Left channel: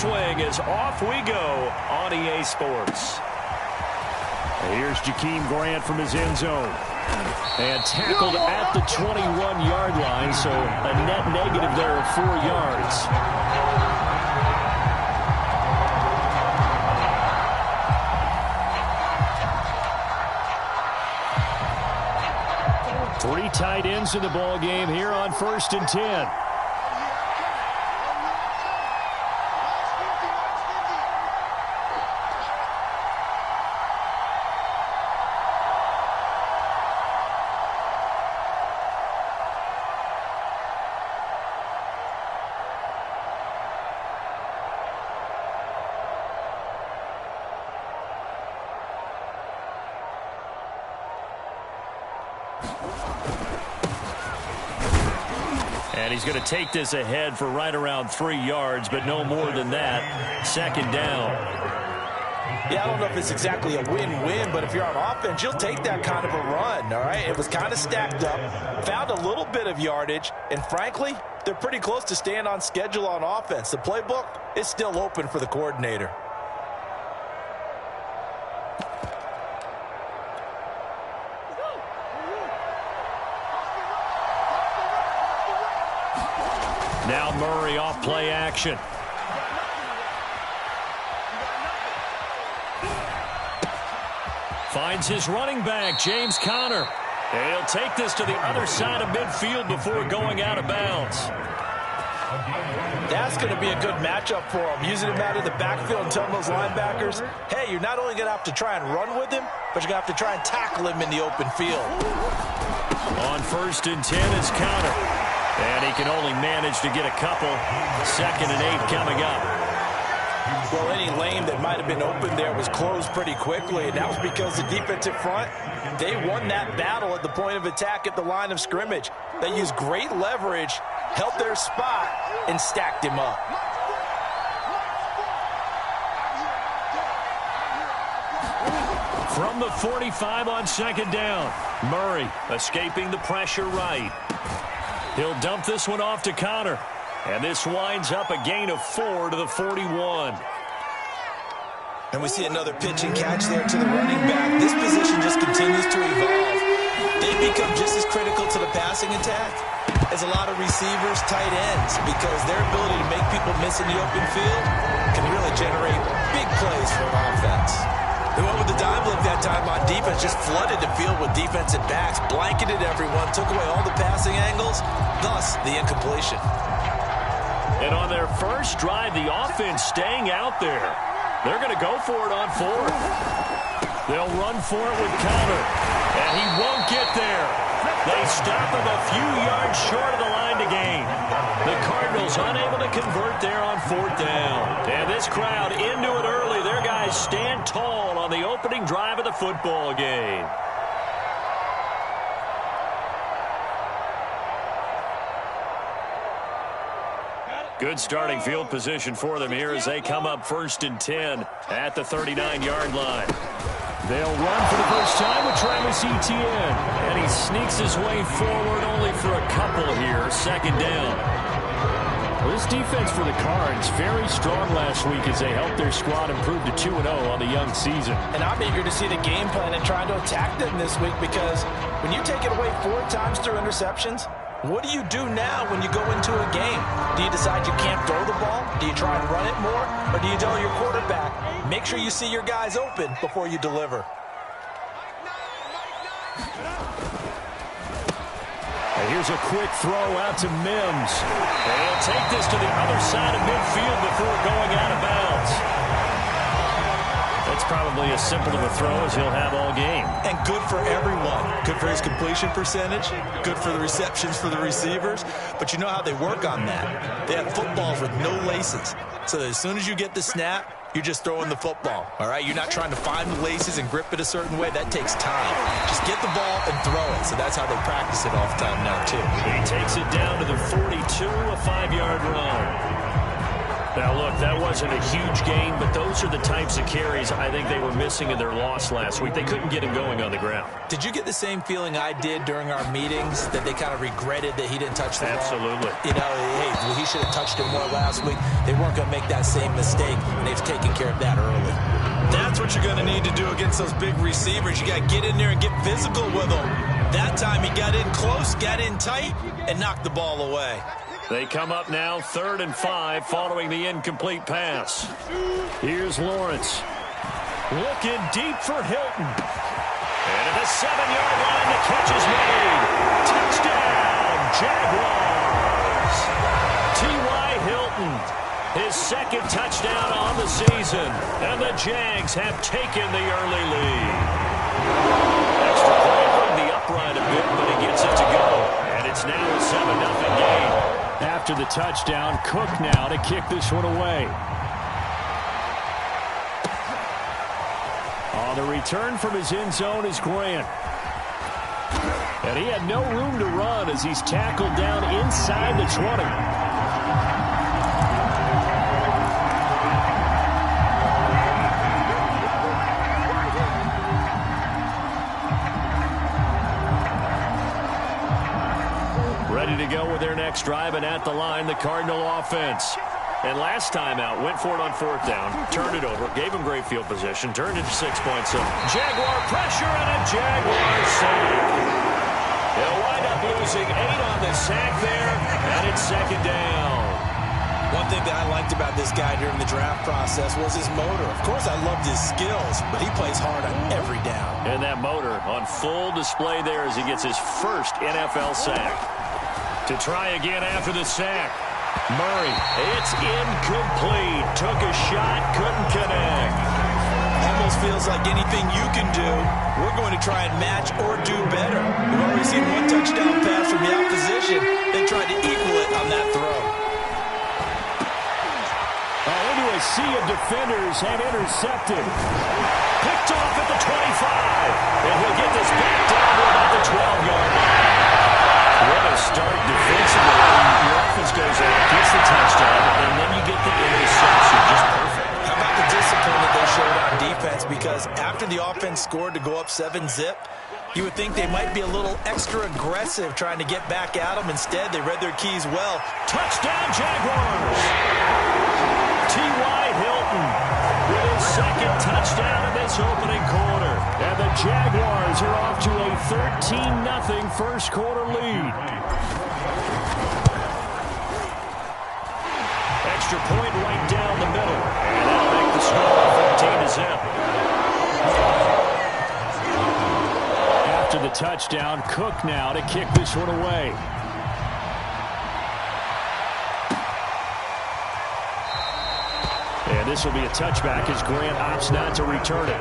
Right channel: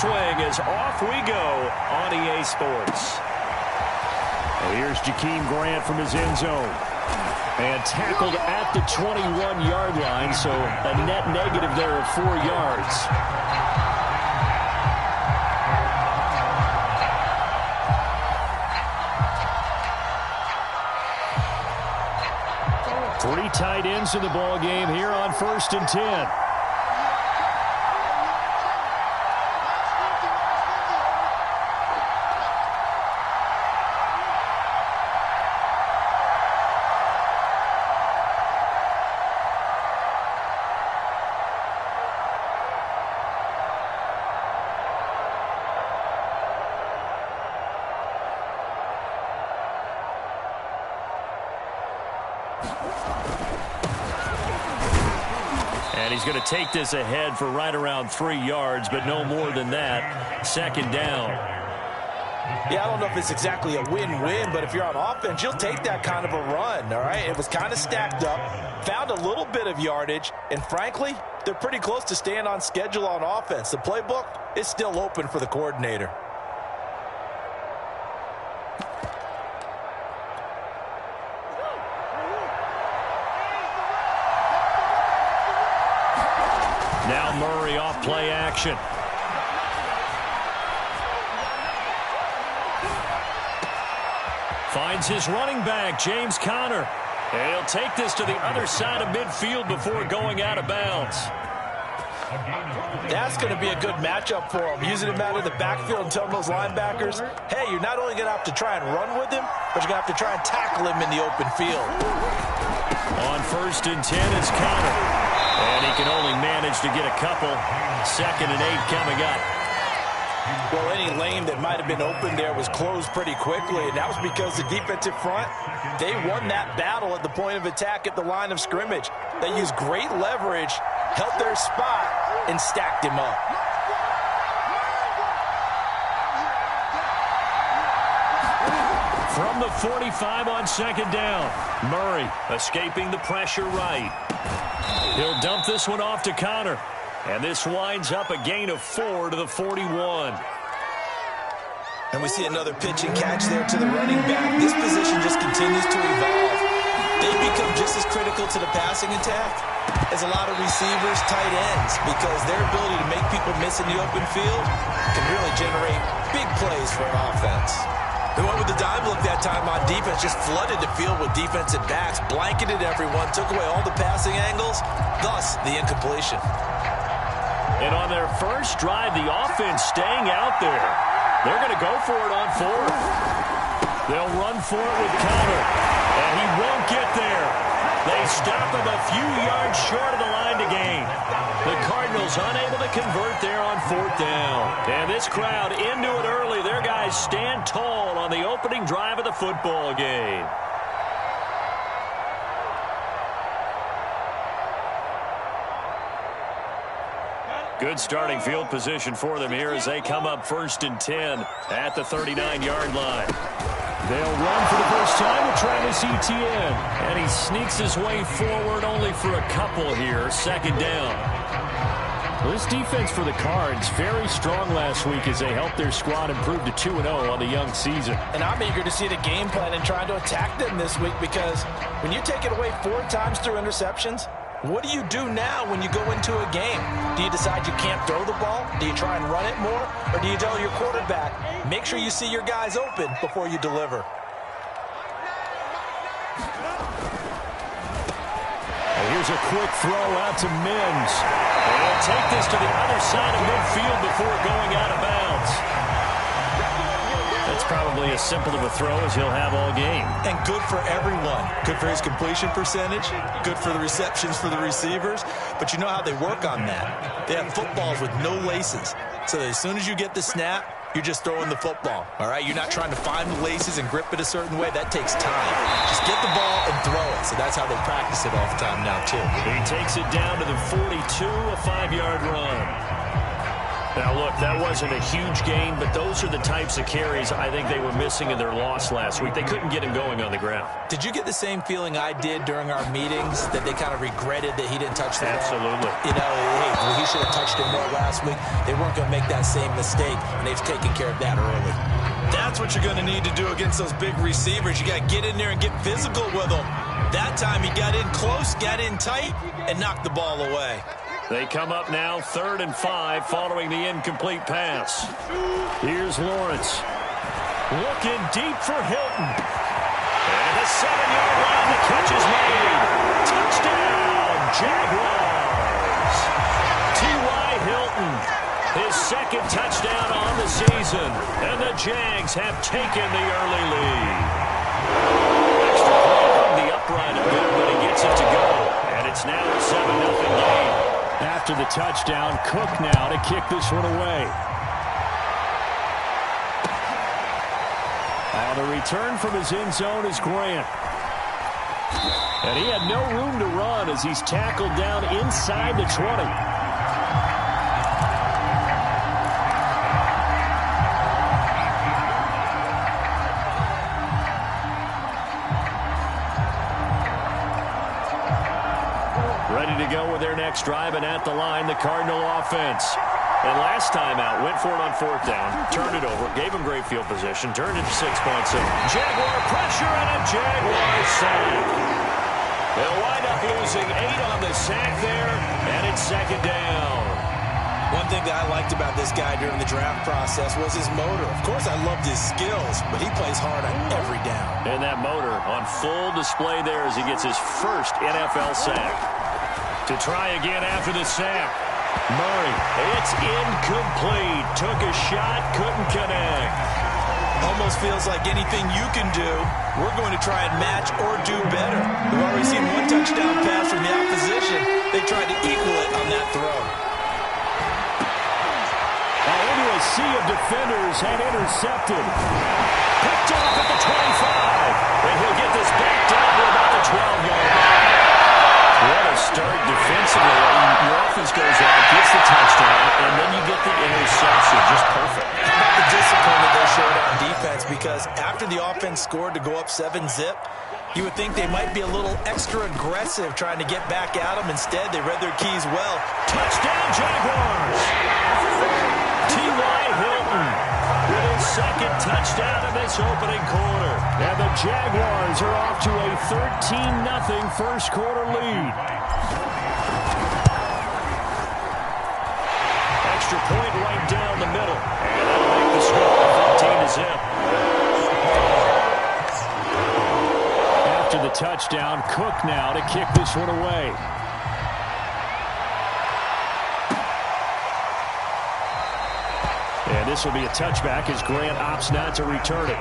swing as off we go on EA Sports. And here's Jakeem Grant from his end zone. And tackled at the 21-yard line, so a net negative there of 4 yards. Three tight ends in the ball game here on 1st and 10. And he's going to take this ahead for right around 3 yards, but no more than that. 2nd down. Yeah, I don't know if it's exactly a win-win, but if you're on offense, you'll take that kind of a run, all right? It was kind of stacked up, found a little bit of yardage, and frankly, they're pretty close to staying on schedule on offense. The playbook is still open for the coordinator. Now Murray off play action. Finds his running back, James Conner. And he'll take this to the other side of midfield before going out of bounds. That's going to be a good matchup for him. Using him out of the backfield and telling those linebackers, hey, you're not only going to have to try and run with him, but you're going to have to try and tackle him in the open field. On 1st and 10 is Conner. And he can only manage to get a couple. 2nd and 8 coming up. Well, any lane that might have been open there was closed pretty quickly, and that was because the defensive front, they won that battle at the point of attack at the line of scrimmage. They used great leverage, held their spot, and stacked him up. From the 45 on 2nd down, Murray escaping the pressure right. He'll dump this one off to Conner. And this winds up a gain of 4 to the 41. And we see another pitch and catch there to the running back. This position just continues to evolve. They become just as critical to the passing attack as a lot of receivers, tight ends, because their ability to make people miss in the open field can really generate big plays for an offense. They went with the dime look that time on defense, just flooded the field with defensive backs, blanketed everyone, took away all the passing angles, thus the incompletion. And on their first drive, the offense staying out there. They're going to go for it on 4th. They'll run for it with Conner, and he won't get there. They stop him a few yards short of the line to gain. The Cardinals unable to convert there on 4th down. And this crowd into it early. Their guys stand tall on the opening drive of the football game. Good starting field position for them here as they come up 1st and 10 at the 39-yard line. They'll run for the first time with Travis Etienne. And he sneaks his way forward only for a couple here. 2nd down. Well, this defense for the Cards, very strong last week as they helped their squad improve to 2-0 on the young season. And I'm eager to see the game plan and trying to attack them this week, because when you take it away 4 times through interceptions, what do you do now when you go into a game? Do you decide you can't throw the ball? Do you try and run it more? Or do you tell your quarterback, make sure you see your guys open before you deliver? And here's a quick throw out to Mims. And he'll take this to the other side of midfield before going out of bounds. That's probably as simple of a throw as he'll have all game. And good for everyone. Good for his completion percentage. Good for the receptions for the receivers. But you know how they work on that. They have footballs with no laces. So that as soon as you get the snap, you're just throwing the football. All right? You're not trying to find the laces and grip it a certain way. That takes time. Just get the ball and throw it. So that's how they practice it all the time now, too. He takes it down to the 42, a 5-yard run. Now, look, that wasn't a huge gain, but those are the types of carries I think they were missing in their loss last week. They couldn't get him going on the ground. Did you get the same feeling I did during our meetings, that they kind of regretted that he didn't touch the ball? Absolutely. You know, hey, he should have touched it more last week. They weren't going to make that same mistake, and they've taken care of that early. That's what you're going to need to do against those big receivers. You got to get in there and get physical with them. That time he got in close, got in tight, and knocked the ball away. They come up now 3rd and 5 following the incomplete pass. Here's Lawrence. Looking deep for Hilton. And at the 7-yard line, the catch is made. Touchdown, Jaguars. T.Y. Hilton, his 2nd touchdown on the season. And the Jags have taken the early lead. Extra point hung the upright a bit, but he gets it to go. And it's now a 7-0 game. After the touchdown, Cook now to kick this one away. On the return from his end zone is Grant. And he had no room to run as he's tackled down inside the 20. Ready to go with their next drive, and at the line, the Cardinal offense. And last time out, went for it on 4th down, turned it over, gave him great field position, turned it to 6 points. So Jaguar pressure and a Jaguar sack. They'll wind up losing 8 on the sack there, and it's 2nd down. One thing that I liked about this guy during the draft process was his motor. Of course, I loved his skills, but he plays hard on every down. And that motor on full display there as he gets his first NFL sack. To try again after the sack. Murray, it's incomplete. Took a shot, couldn't connect. Almost feels like anything you can do, we're going to try and match or do better. We've already seen 1 touchdown pass from the opposition. They tried to equal it on that throw. Into a sea of defenders and intercepted. Picked off at the 25. And he'll get this back down to about the 12-yard line. What a start defensively. Your offense goes out, gets the touchdown, and then you get the interception. Just perfect. How about the discipline that they showed on defense? Because after the offense scored to go up 7-zip, you would think they might be a little extra aggressive trying to get back at them. Instead, they read their keys well. Touchdown, Jaguars! T.Y. Hilton with his 2nd touchdown of this opening quarter. And the Jaguars are off to a 13-0 first quarter lead. Extra point right down the middle. And that'll make the score 14-0. After the touchdown, Cook now to kick this one away. And this will be a touchback as Grant opts not to return it.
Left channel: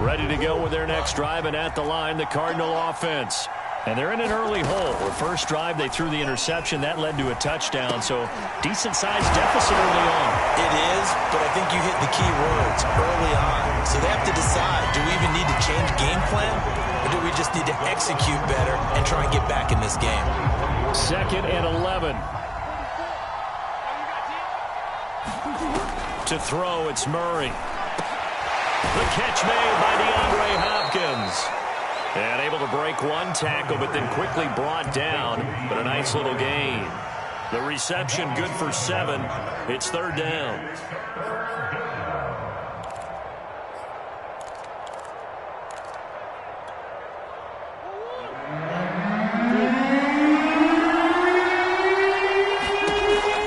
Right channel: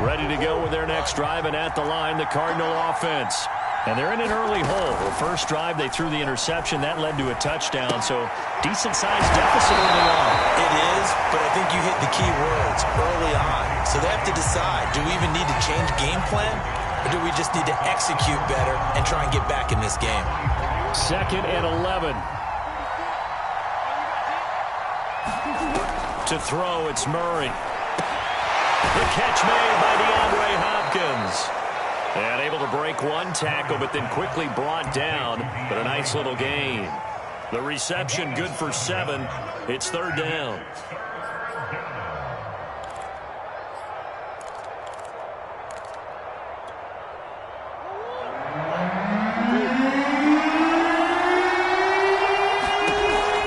Ready to go with their next drive, and at the line, the Cardinal offense. And they're in an early hole. The first drive, they threw the interception. That led to a touchdown, so decent-sized deficit early on. It is, but I think you hit the key words early on. So they have to decide, do we even need to change game plan, or do we just need to execute better and try and get back in this game? 2nd and 11. To throw, it's Murray. The catch made by DeAndre Hopkins. And able to break 1 tackle, but then quickly brought down. But a nice little gain. The reception good for 7. It's 3rd down.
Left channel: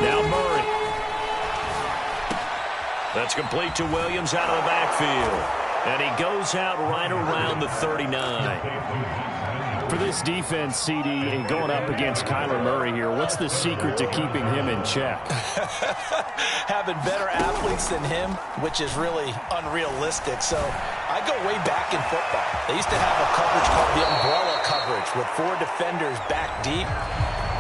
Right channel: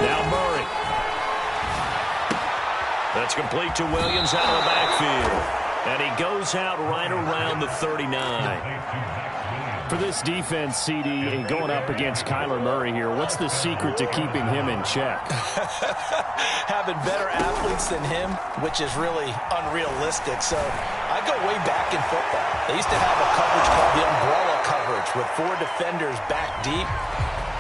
Now Murray. That's complete to Williams out of the backfield. And he goes out right around the 39. For this defense, CD, and going up against Kyler Murray here, what's the secret to keeping him in check? Having better athletes than him, which is really unrealistic. So I go way back in football. They used to have a coverage called the umbrella coverage with 4 defenders back deep.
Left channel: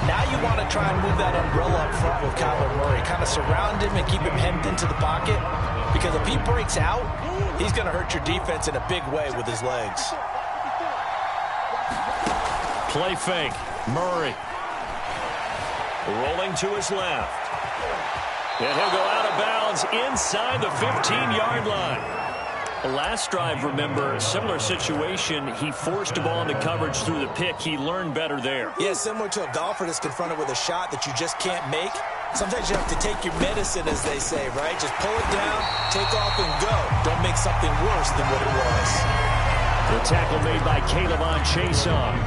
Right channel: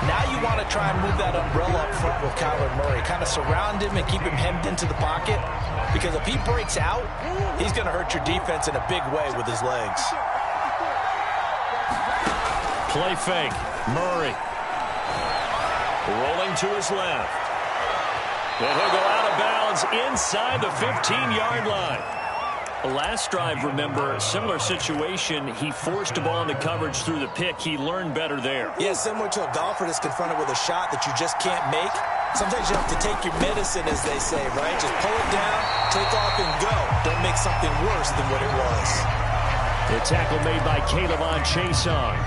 Now you want to try and move that umbrella up front with Kyler Murray. Kind of surround him and keep him hemmed into the pocket. Because if he breaks out, he's going to hurt your defense in a big way with his legs. Play fake. Murray. Rolling to his left. And he'll go out of bounds inside the 15-yard line. Last drive, remember, similar situation. He forced the ball into coverage through the pick. He learned better there. Yeah, similar to a golfer that's confronted with a shot that you just can't make. Sometimes you have to take your medicine, as they say, right? Just pull it down, take off, and go. Don't make something worse than what it was. The tackle made by Caleb on Chason.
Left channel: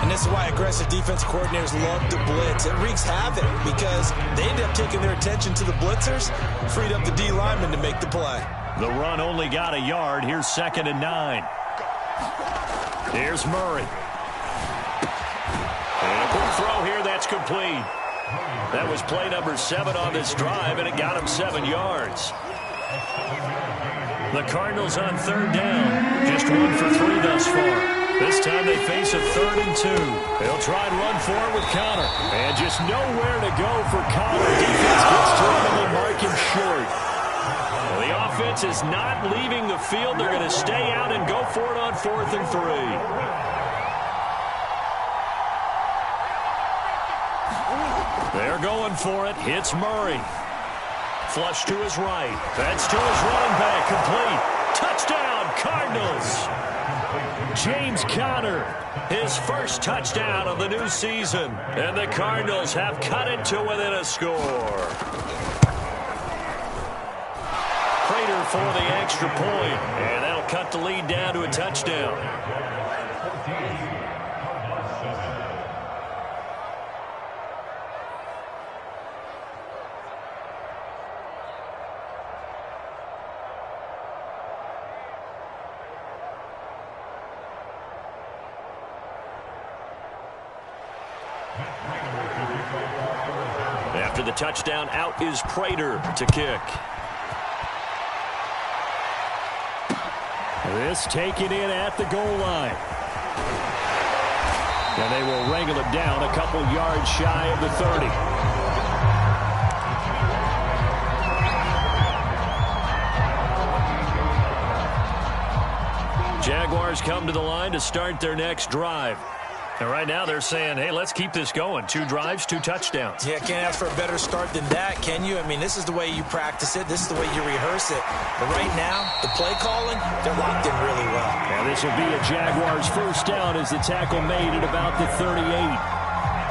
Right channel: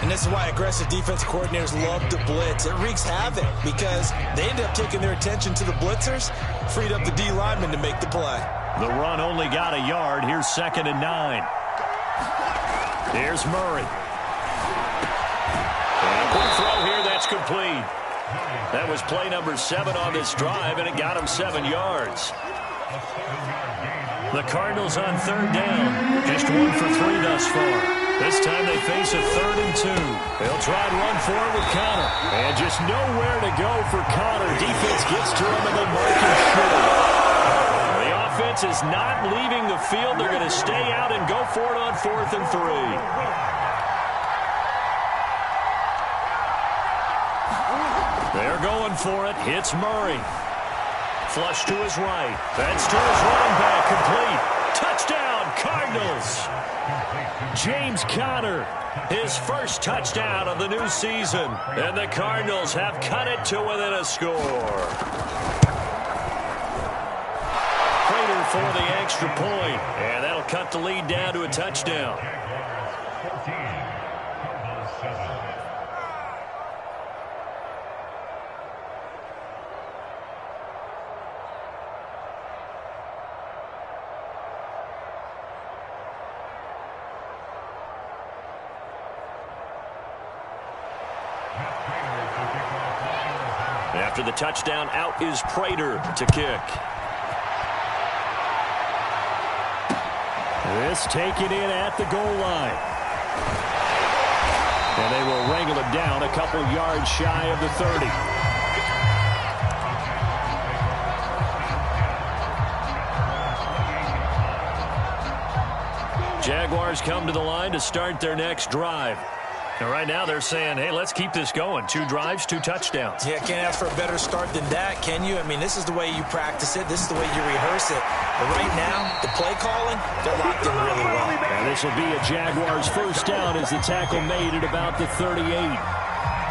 And this is why aggressive defense coordinators love to blitz. It wreaks havoc because they end up taking their attention to the blitzers, freed up the D lineman to make the play. The run only got a yard. Here's 2nd and 9. Here's Murray. And a quick throw here. That's complete. That was play number 7 on this drive, and it got him 7 yards. The Cardinals on 3rd down. Just 1 for 3 thus far. This time they face a 3rd and 2. They'll try and run for it with Connor. And just nowhere to go for Connor. Defense gets to him, and they mark him short. The offense is not leaving the field. They're going to stay out and go for it on 4th and 3. They're going for it. Hits Murray. Flush to his right. That's to his running back. Complete. Touchdown, Cardinals. James Conner, his first touchdown of the new season. And the Cardinals have cut it to within a score. Prater for the extra point. And that'll cut the lead down to a touchdown. After the touchdown, out is Prater to kick. This taken in at the goal line. And they will wrangle it down a couple yards shy of the 30. Jaguars come to the line to start their next drive. And right now they're saying, hey, let's keep this going. 2 drives, 2 touchdowns. Yeah, can't ask for a better start than that, can you? I mean, this is the way you practice it. This is the way you rehearse it. But right now, the play calling, they're locked in really well. And this will be a Jaguars first down as the tackle made at about the 38.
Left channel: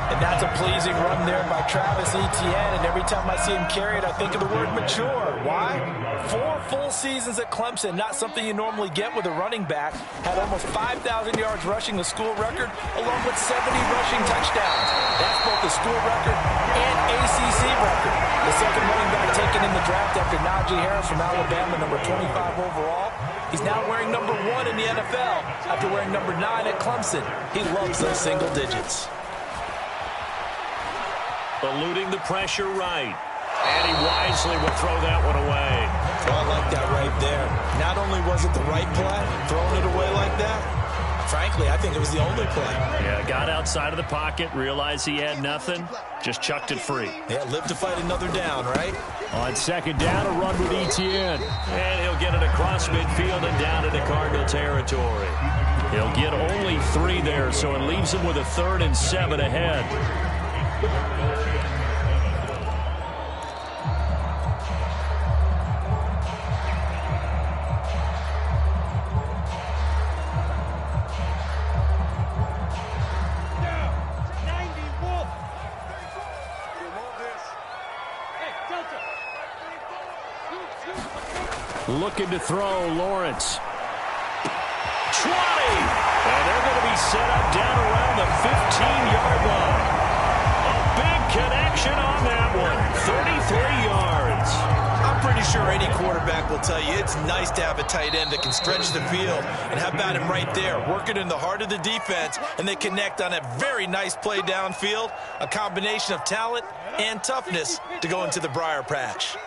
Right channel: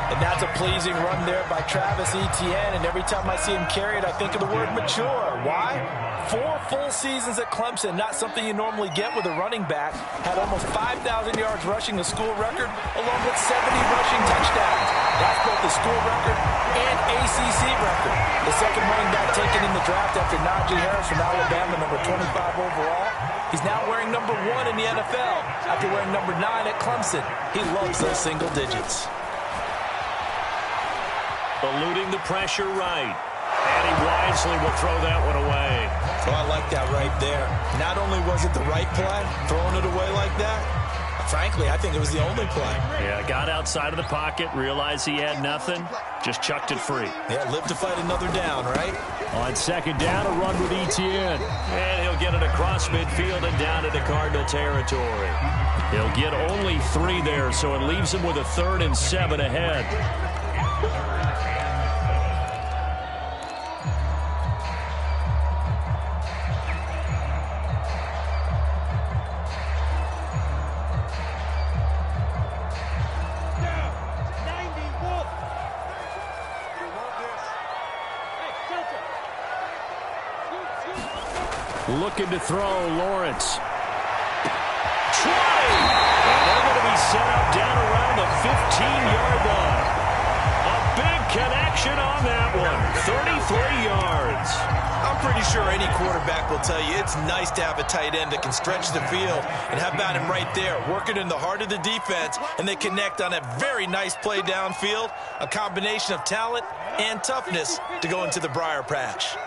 And that's a pleasing run there by Travis Etienne. And every time I see him carry it, I think of the word mature. Why? 4 full seasons at Clemson, not something you normally get with a running back. Had almost 5,000 yards rushing, the school record, along with 70 rushing touchdowns. That's both the school record and ACC record. The second running back taken in the draft after Najee Harris from Alabama, number 25 overall. He's now wearing number 1 in the NFL after wearing number 9 at Clemson. He loves those single digits. Eluding the pressure right. And he wisely will throw that one away. Oh, I like that right there. Not only was it the right play, throwing it away like that, frankly, I think it was the only play. Yeah, got outside of the pocket, realized he had nothing, just chucked it free. Yeah, live to fight another down, right? On 2nd down, a run with Etienne. And he'll get it across midfield and down into Cardinal territory. He'll get only 3 there, so it leaves him with a 3rd and 7 ahead. Looking to throw, Lawrence. 20! And they're going to be set up down around the 15-yard line. A big connection on that one. 33 yards. I'm pretty sure any quarterback will tell you it's nice to have a tight end that can stretch the field. And how about him right there, working in the heart of the defense, and they connect on a very nice play downfield, a combination of talent and toughness to go into the briar patch.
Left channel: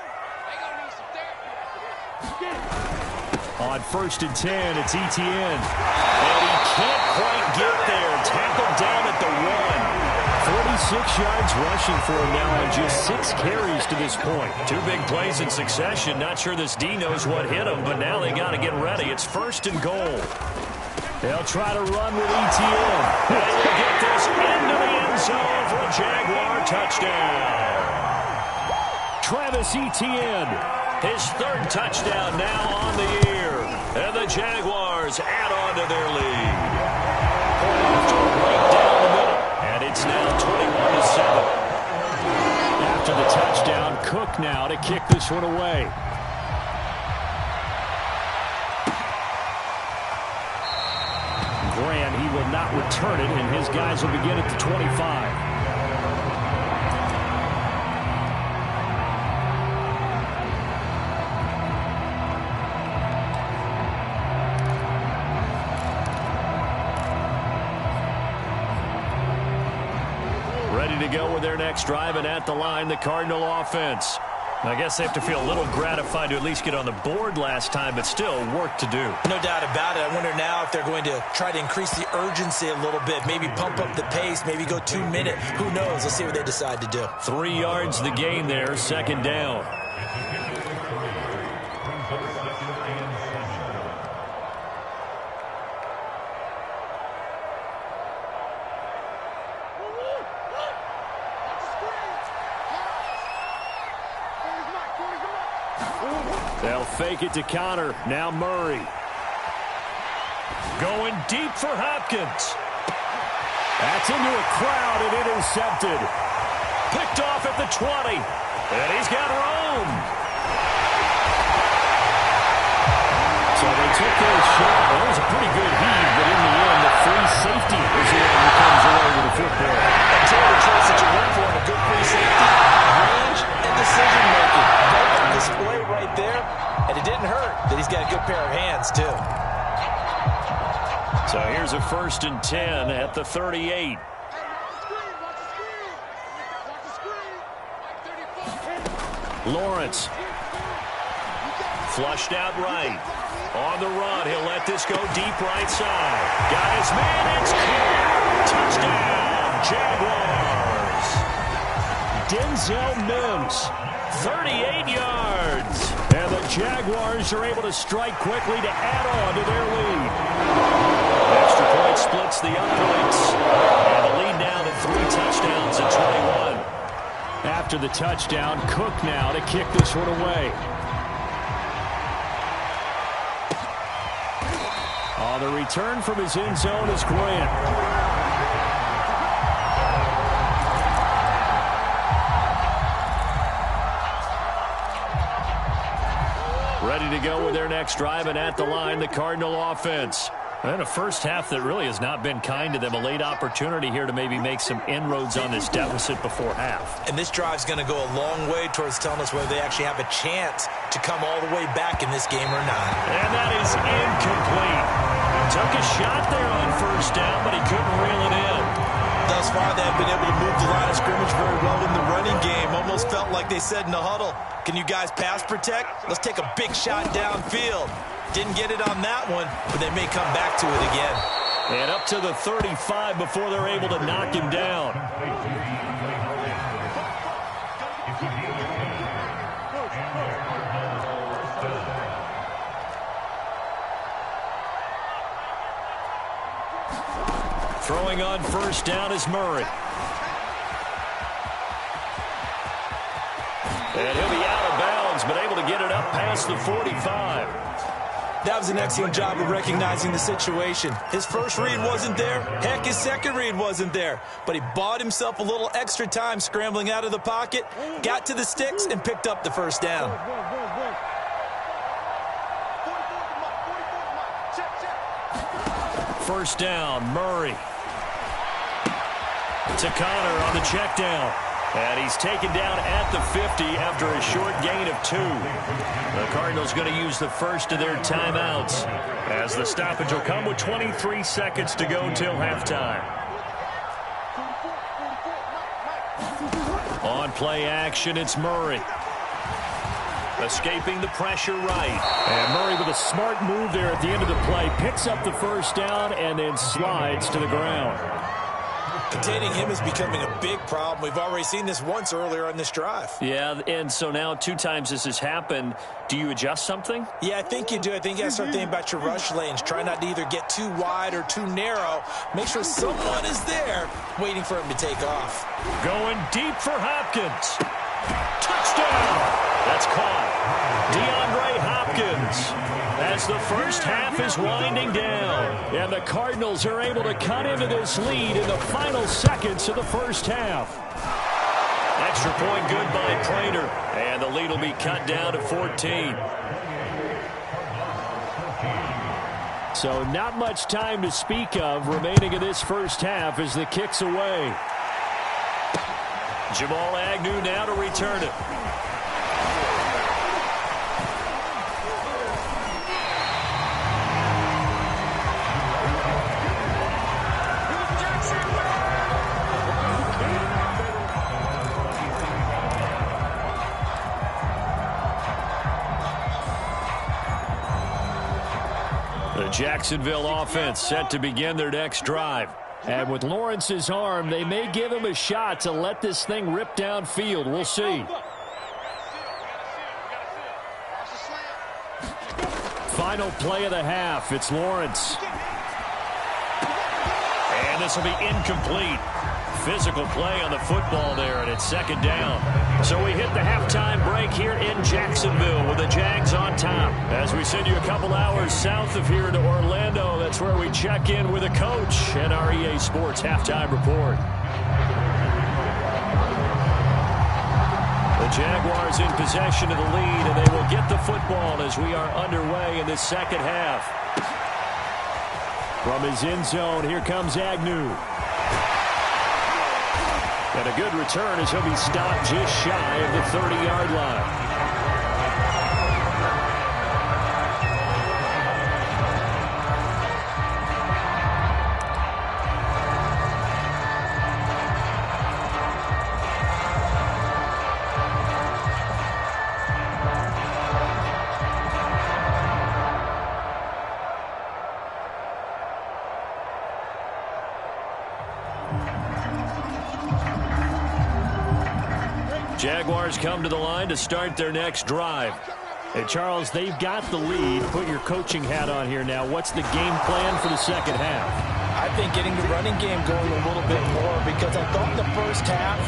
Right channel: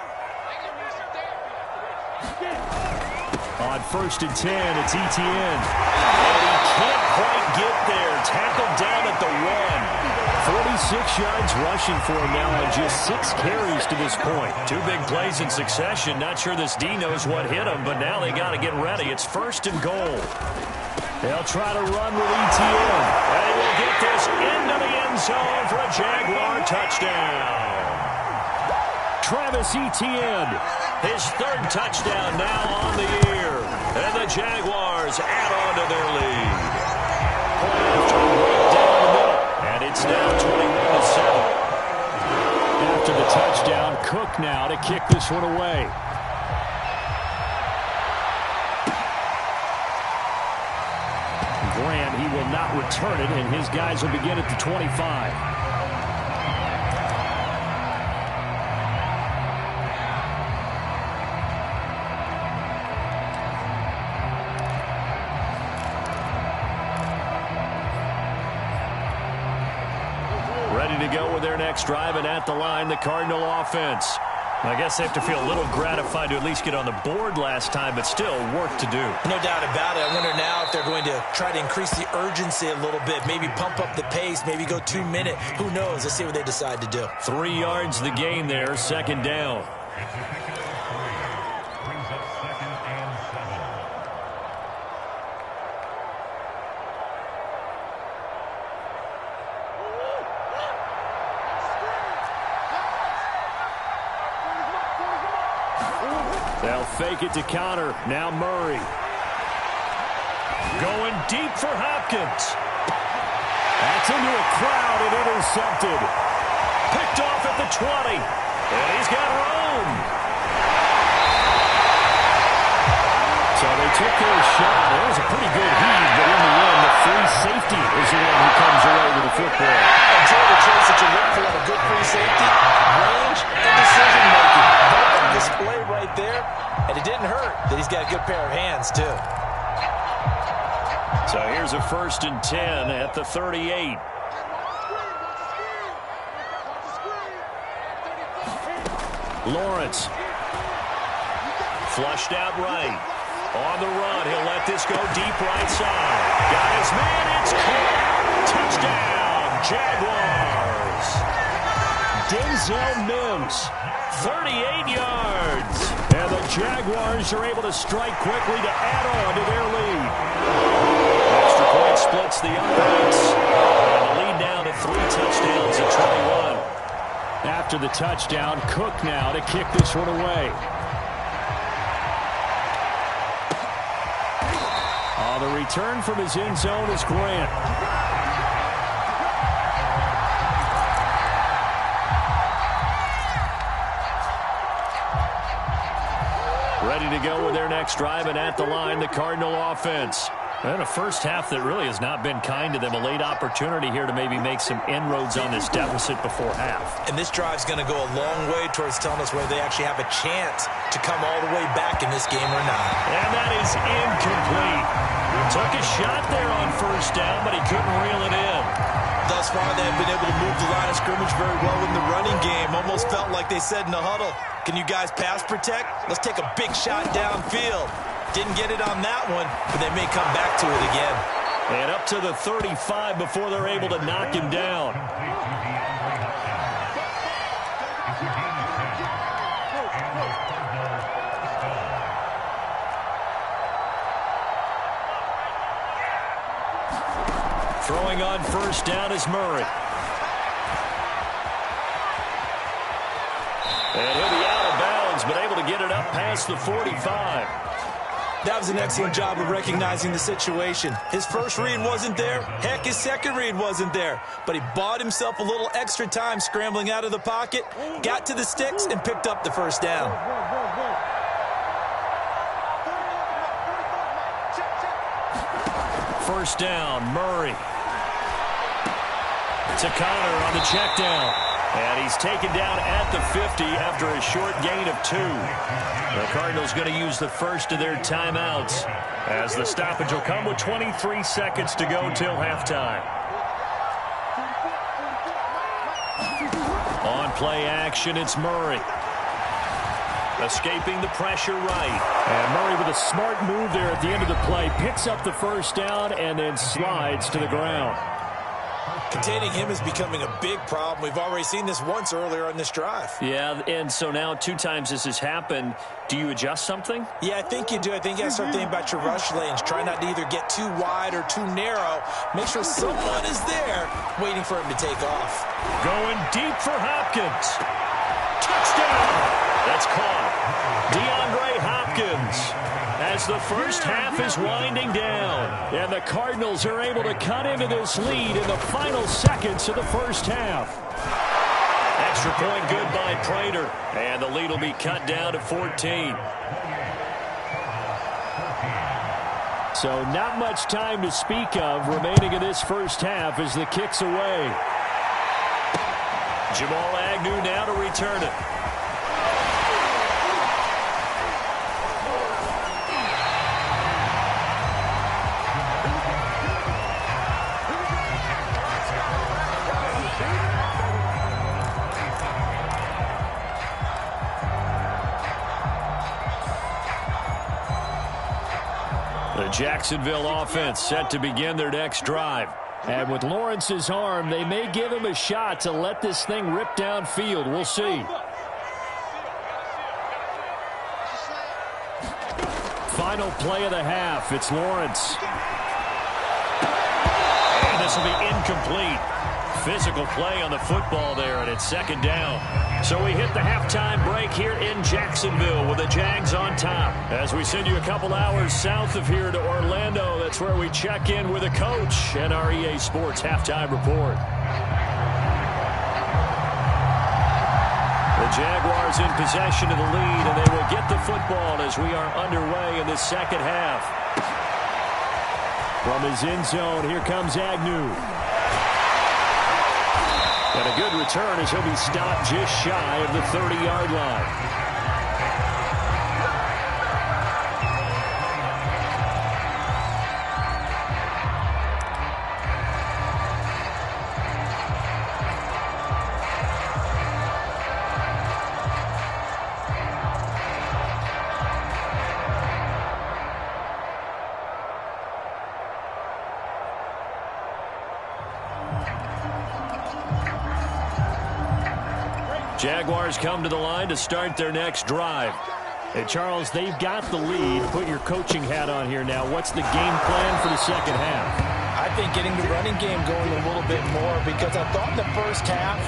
On 1st and 10, it's Etienne. And he can't quite get there. Tackled down at the 1. 46 yards rushing for him now on just 6 carries to this point. 2 big plays in succession. Not sure this D knows what hit him, but now they got to get ready. It's 1st and goal. They'll try to run with ETN. And they will get this into the end zone for a Jaguar touchdown. Travis Etienne, his 3rd touchdown now on the year. And the Jaguars add on to their lead. Point after right down the middle. And it's now 21-7. After the touchdown, Cook now to kick this one away. Grant, he will not return it, and his guys will begin at the 25. Ready to go with their next drive, and at the line, the Cardinal offense. I guess they have to feel a little gratified to at least get on the board last time, but still work to do. No doubt about it. I wonder now if they're going to try to increase the urgency a little bit, maybe pump up the pace, maybe go 2-minute. Who knows? Let's see what they decide to do. 3 yards the gain there, 2nd down. They'll fake it to Connor. Now Murray. Going deep for Hopkins. That's into a crowd and intercepted. Picked off at the 20. And he's got room. So they took their shot. That was a pretty good heave, but in the end, the free safety is the one who comes away with the football. Enjoy the traits that you look for in a good free safety, range and decision-making. Both on display right there, and it didn't hurt that he's got a good pair of hands, too. So here's a 1st and 10 at the 38. Lawrence. Flushed out right. On the run, he'll let this go deep right side. Got his man, it's caught. Touchdown, Jaguars. Denzel Mims, 38 yards. And the Jaguars are able to strike quickly to add on to their lead. Extra point splits the uprights. And the lead now to 3 touchdowns at 21. After the touchdown, Cook now to kick this one away. On the return from his end zone is Grant. Ready to go with their next drive, and at the line, the Cardinal offense. And a first half that really has not been kind to them. A late opportunity here to maybe make some inroads on this deficit before half. And this drive's going to go a long way towards telling us whether they actually have a chance to come all the way back in this game or not. And that is incomplete. Took a shot there on 1st down, but he couldn't reel it in. Thus far, they have been able to move the line of scrimmage very well in the running game. Almost felt like they said in the huddle, can you guys pass protect? Let's take a big shot downfield. Didn't get it on that one, but they may come back to it again. And up to the 35 before they're able to knock him down. Throwing on 1st down is Murray. And he'll be out of bounds, but able to get it up past the 45. That was an excellent job of recognizing the situation. His first read wasn't there. Heck, his second read wasn't there. But he bought himself a little extra time scrambling out of the pocket, got to the sticks, and picked up the 1st down. First down, Murray. To Connor on the check down. And he's taken down at the 50 after a short gain of 2. The Cardinals going to use the first of their timeouts as the stoppage will come with 23 seconds to go till halftime. On play action, it's Murray. Escaping the pressure right. And Murray with a smart move there at the end of the play. Picks up the 1st down and then slides to the ground. Containing him is becoming a big problem. We've already seen this once earlier on this drive. Yeah, and so now 2 times this has happened. Do you adjust something? Yeah, I think you do. I think you got to start thinking about your rush lanes. Try not to either get too wide or too narrow. Make sure someone is there waiting for him to take off. Going deep for Hopkins. Touchdown! That's caught. DeAndre Hopkins as the first half is winding down. And the Cardinals are able to cut into this lead in the final seconds of the first half. Extra point good by Prater. And the lead will be cut down to 14. So not much time to speak of remaining in this first half as the kick's away. Jamal Agnew now to return it. The Jacksonville offense set to begin their next drive. And with Lawrence's arm, they may give him a shot to let this thing rip downfield. We'll see. Final play of the half. It's Lawrence. And this will be incomplete. Physical play on the football there, and it's second down. So we hit the halftime break here in Jacksonville with the Jags on top. As we send you a couple hours south of here to Orlando, that's where we check in with the coach and our EA Sports halftime report. The Jaguars in possession of the lead, and they will get the football as we are underway in the second half. From his end zone, here comes Agnew. And a good return as he'll be stopped just shy of the 30-yard line. Jaguars come to the line to start their next drive. And Charles, they've got the lead. Put your coaching hat on here now. What's the game plan for the second half? I think getting the running game going a little bit more, because I thought in the first half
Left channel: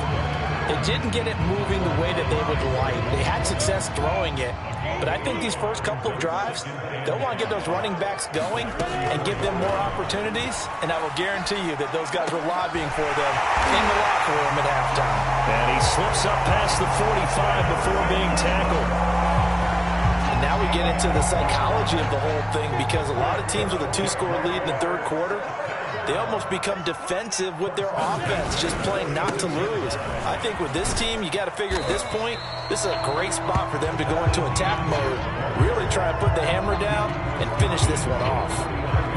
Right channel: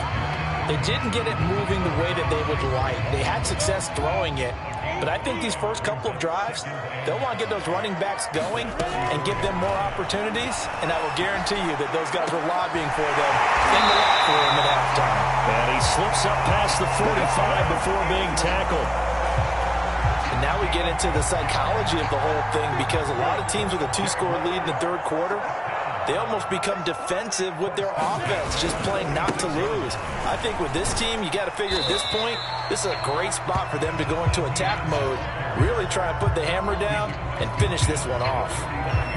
they didn't get it moving the way that they would like. They had success throwing it, but I think these first couple of drives, they'll want to get those running backs going and give them more opportunities, and I will guarantee you that those guys were lobbying for them in the locker room at halftime. And he slips up past the 45 before being tackled. And now we get into the psychology of the whole thing, because a lot of teams with a 2-score lead in the third quarter, they almost become defensive with their offense, just playing not to lose. I think with this team, you got to figure at this point, this is a great spot for them to go into attack mode, really try and put the hammer down and finish this one off.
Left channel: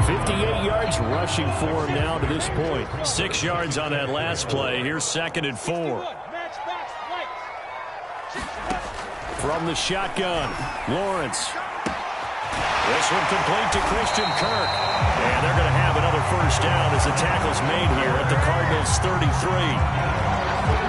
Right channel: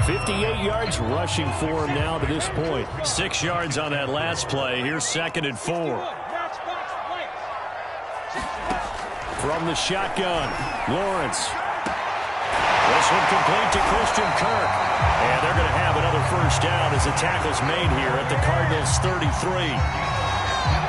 58 yards rushing for him now to this point. 6 yards on that last play. Here's 2nd and 4. From the shotgun, Lawrence. This one complete to Christian Kirk. And they're going to have another first down as the tackle's made here at the Cardinals' 33.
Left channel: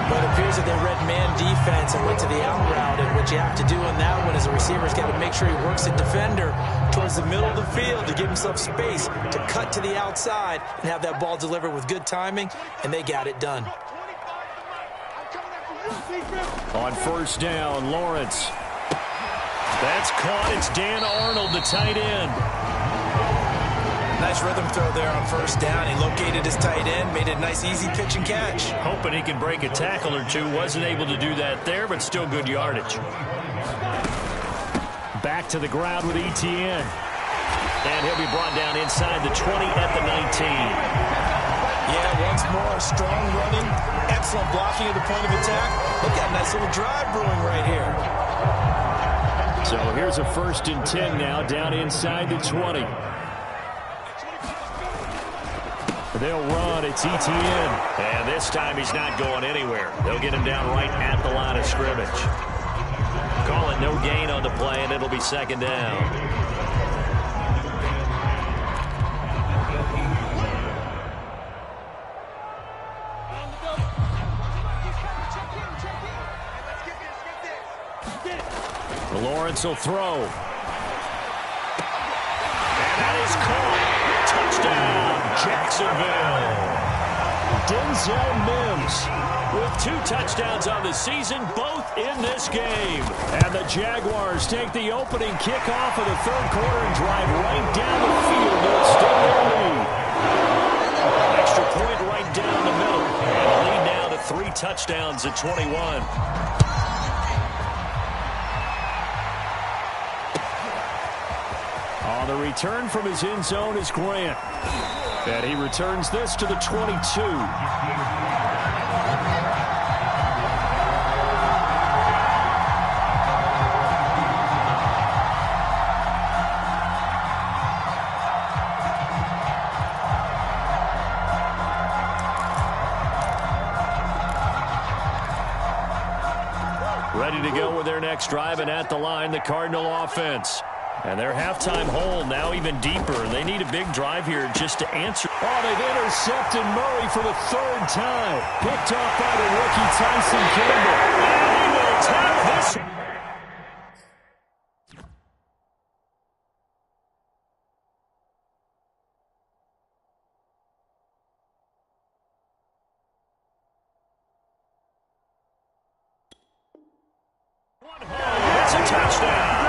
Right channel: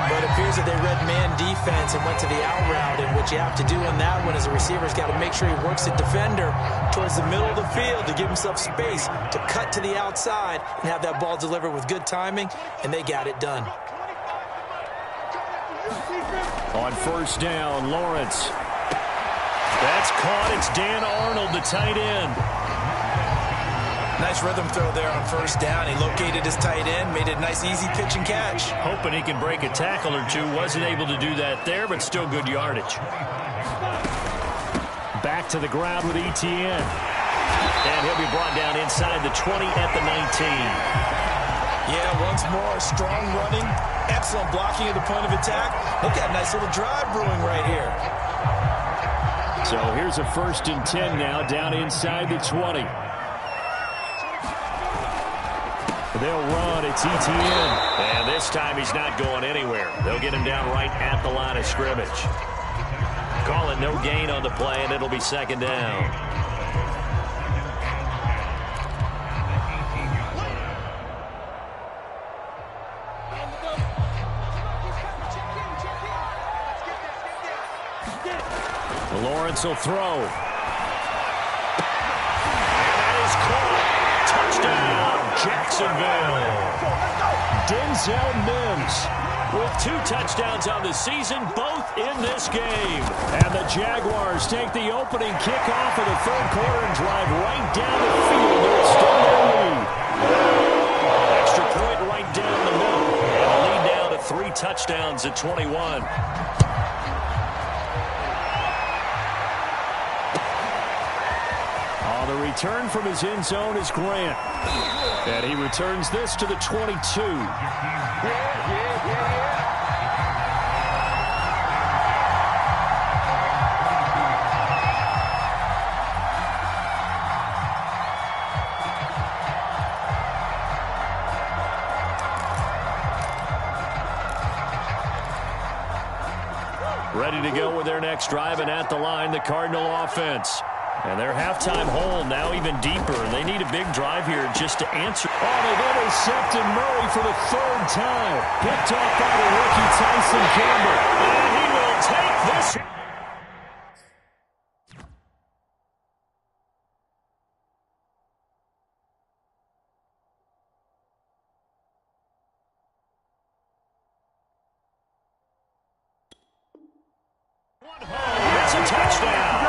But it appears that they read man defense and went to the out route. And what you have to do on that one is the receiver's got to make sure he works the defender towards the middle of the field to give himself space to cut to the outside and have that ball delivered with good timing. And they got it done. On first down, Lawrence. That's caught. It's Dan Arnold, the tight end. Nice rhythm throw there on first down. He located his tight end, made a nice easy pitch and catch. Hoping he can break a tackle or two. Wasn't able to do that there, but still good yardage. Back to the ground with Etienne. And he'll be brought down inside the 20 at the 19. Yeah, once more, strong running, excellent blocking at the point of attack. Look at a nice little drive brewing right here. So here's a 1st and 10 now, down inside the 20. They'll run. It's Etienne. And this time he's not going anywhere. They'll get him down right at the line of scrimmage. Call it no gain on the play, and it'll be 2nd down. Lawrence will throw. And that is caught. Touchdown, Jacksonville. Denzel Mims with 2 touchdowns on the season, both in this game. And the Jaguars take the opening kickoff of the third quarter and drive right down the field to extend their lead. Extra point right down the middle. And the lead now to 3 touchdowns at 21. On the return from his end zone is Grant. And he returns this to the 22. Ready to go with their next drive, and at the line, the Cardinal offense. And their halftime hole now even deeper. They need a big drive here just to answer. Oh, they've intercepted Murray for the 3rd time. Picked off by the rookie Tyson Campbell. And he will tap this. It's a touchdown.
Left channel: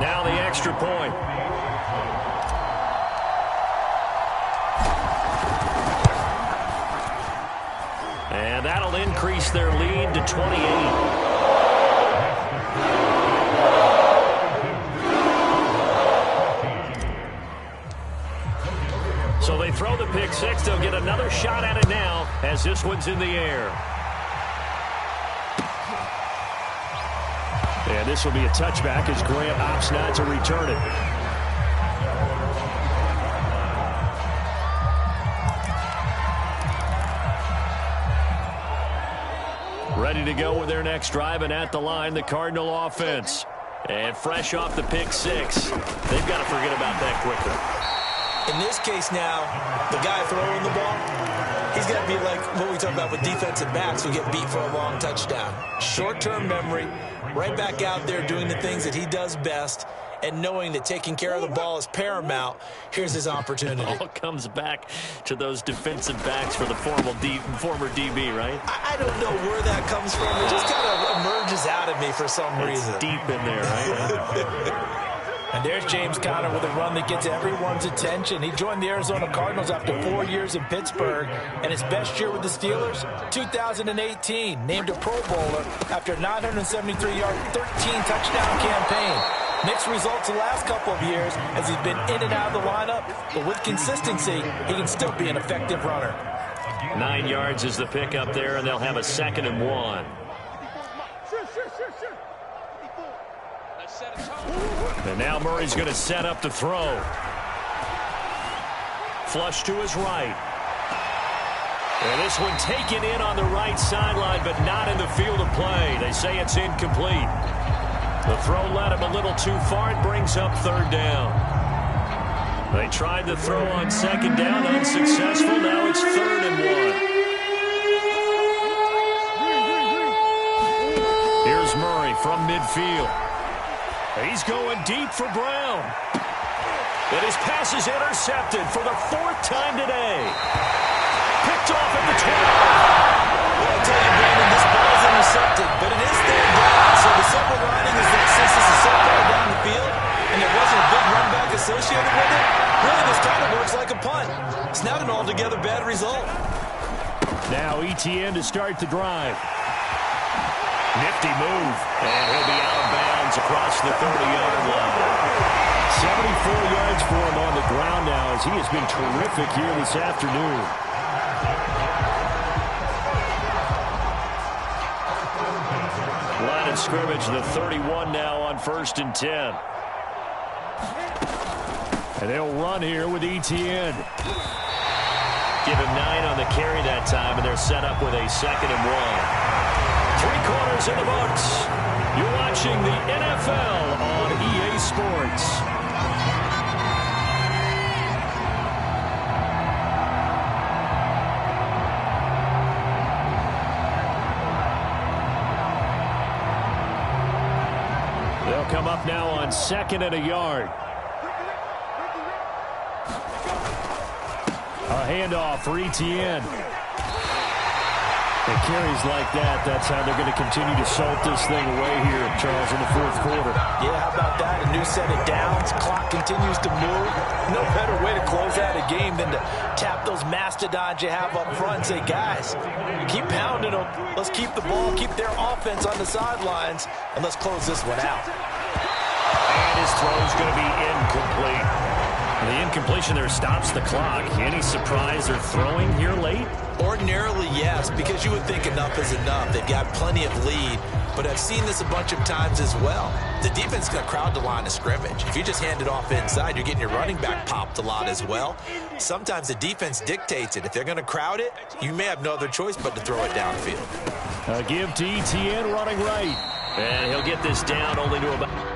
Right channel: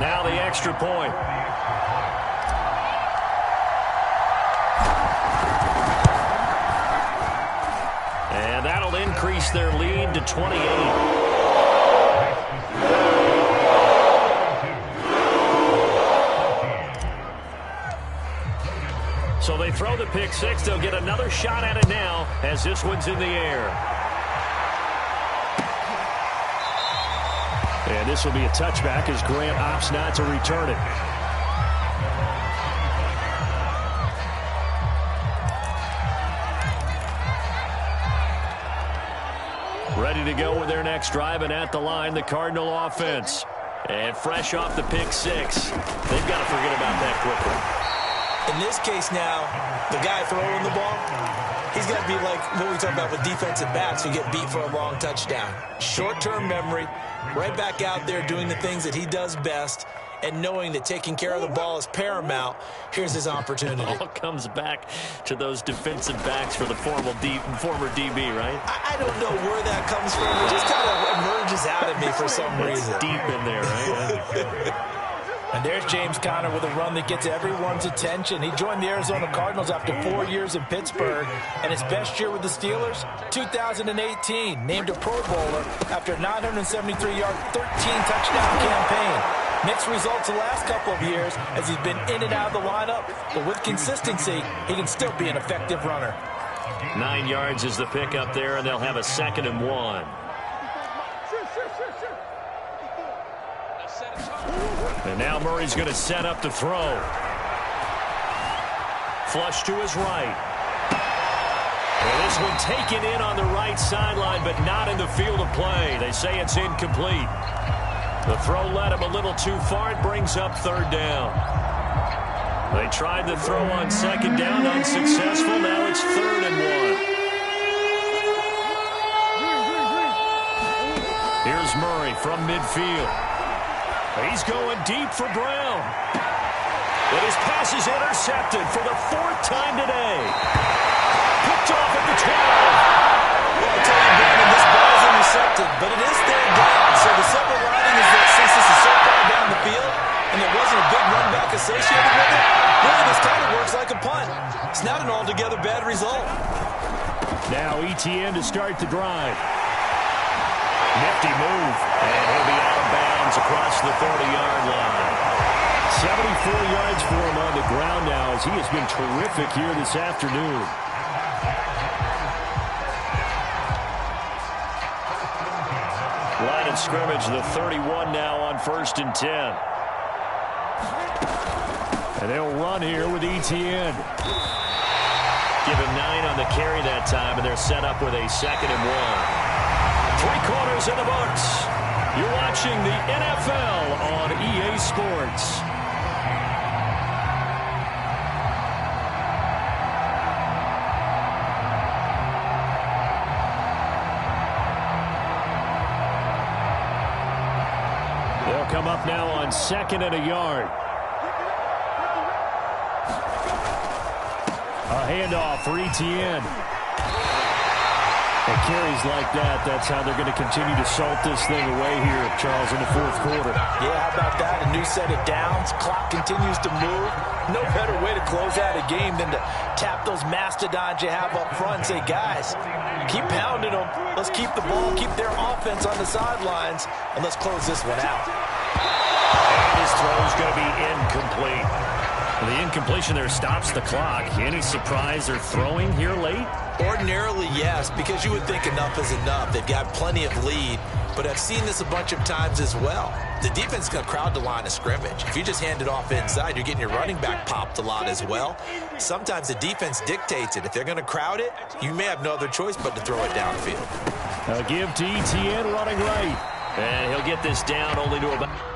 Now the extra point. And that'll increase their lead to 28. So they throw the pick 6. They'll get another shot at it now as this one's in the air. And this will be a touchback as Grant opts not to return it. Ready to go with their next drive, and at the line, the Cardinal offense. And fresh off the pick 6, they've got to forget about that quickly. In this case now, the guy throwing the ball, he's got to be like what we talk about with defensive backs who get beat for a long touchdown. Short-term memory, right back out there doing the things that he does best, and knowing that taking care of the ball is paramount. Here's his opportunity. It all comes back to those defensive backs for the former DB, right? I don't know where that comes from. It just kind of emerges out of me for some reason. It's deep in there, right? And there's James Conner with a run that gets everyone's attention. He joined the Arizona Cardinals after 4 years in Pittsburgh, and his best year with the Steelers, 2018, named a Pro Bowler after a 973-yard, 13-touchdown campaign. Mixed results the last couple of years as he's been in and out of the lineup, but with consistency, he can still be an effective runner. 9 yards is the pick up there, and they'll have a 2nd and 1. And now Murray's going to set up to throw. Flush to his right. And this one taken in on the right sideline, but not in the field of play. They say it's incomplete. The throw led him a little too far. It brings up 3rd down. They tried the throw on 2nd down, unsuccessful. Now it's 3rd and 1. Here's Murray from midfield. He's going deep for Brown. But his pass is intercepted for the 4th time today. Picked off at the 12. Well, I tell you, Brandon, this ball is intercepted, but it is 3rd down. So the silver lining is that since this is so far down the field and there wasn't a big run back associated with it, really this kind of works like a punt. It's not an altogether bad result. Now Etienne to start the drive. Nifty move, and he'll be out of bounds across the 30-yard line. 74 yards for him on the ground now as he has been terrific here this afternoon. Line of scrimmage, the 31 now on 1st and 10. And they'll run here with Etienne. Give him 9 on the carry that time, and they're set up with a 2nd and 1. 3 quarters in the books. You're watching the NFL on EA Sports. They'll come up now on 2nd and a yard. A handoff for Etienne. And carries like that, that's how they're going to continue to salt this thing away here, Charles, in the 4th quarter. Yeah, how about that? A new set of downs. Clock continues to move. No better way to close out a game than to tap those mastodons you have up front and say, guys, keep pounding them. Let's keep the ball, keep their offense on the sidelines, and let's close this one out. And his throw's going to be incomplete. The incompletion there stops the clock. Any surprise they're throwing here late? Ordinarily, yes, because you would think enough is enough. They've got plenty of lead, but I've seen this a bunch of times as well. The defense is going to crowd the line of scrimmage. If you just hand it off inside, you're getting your running back popped a lot as well. Sometimes the defense dictates it. If they're going to crowd it, you may have no other choice but to throw it downfield. A give to Etienne running right. And he'll get this down only to about...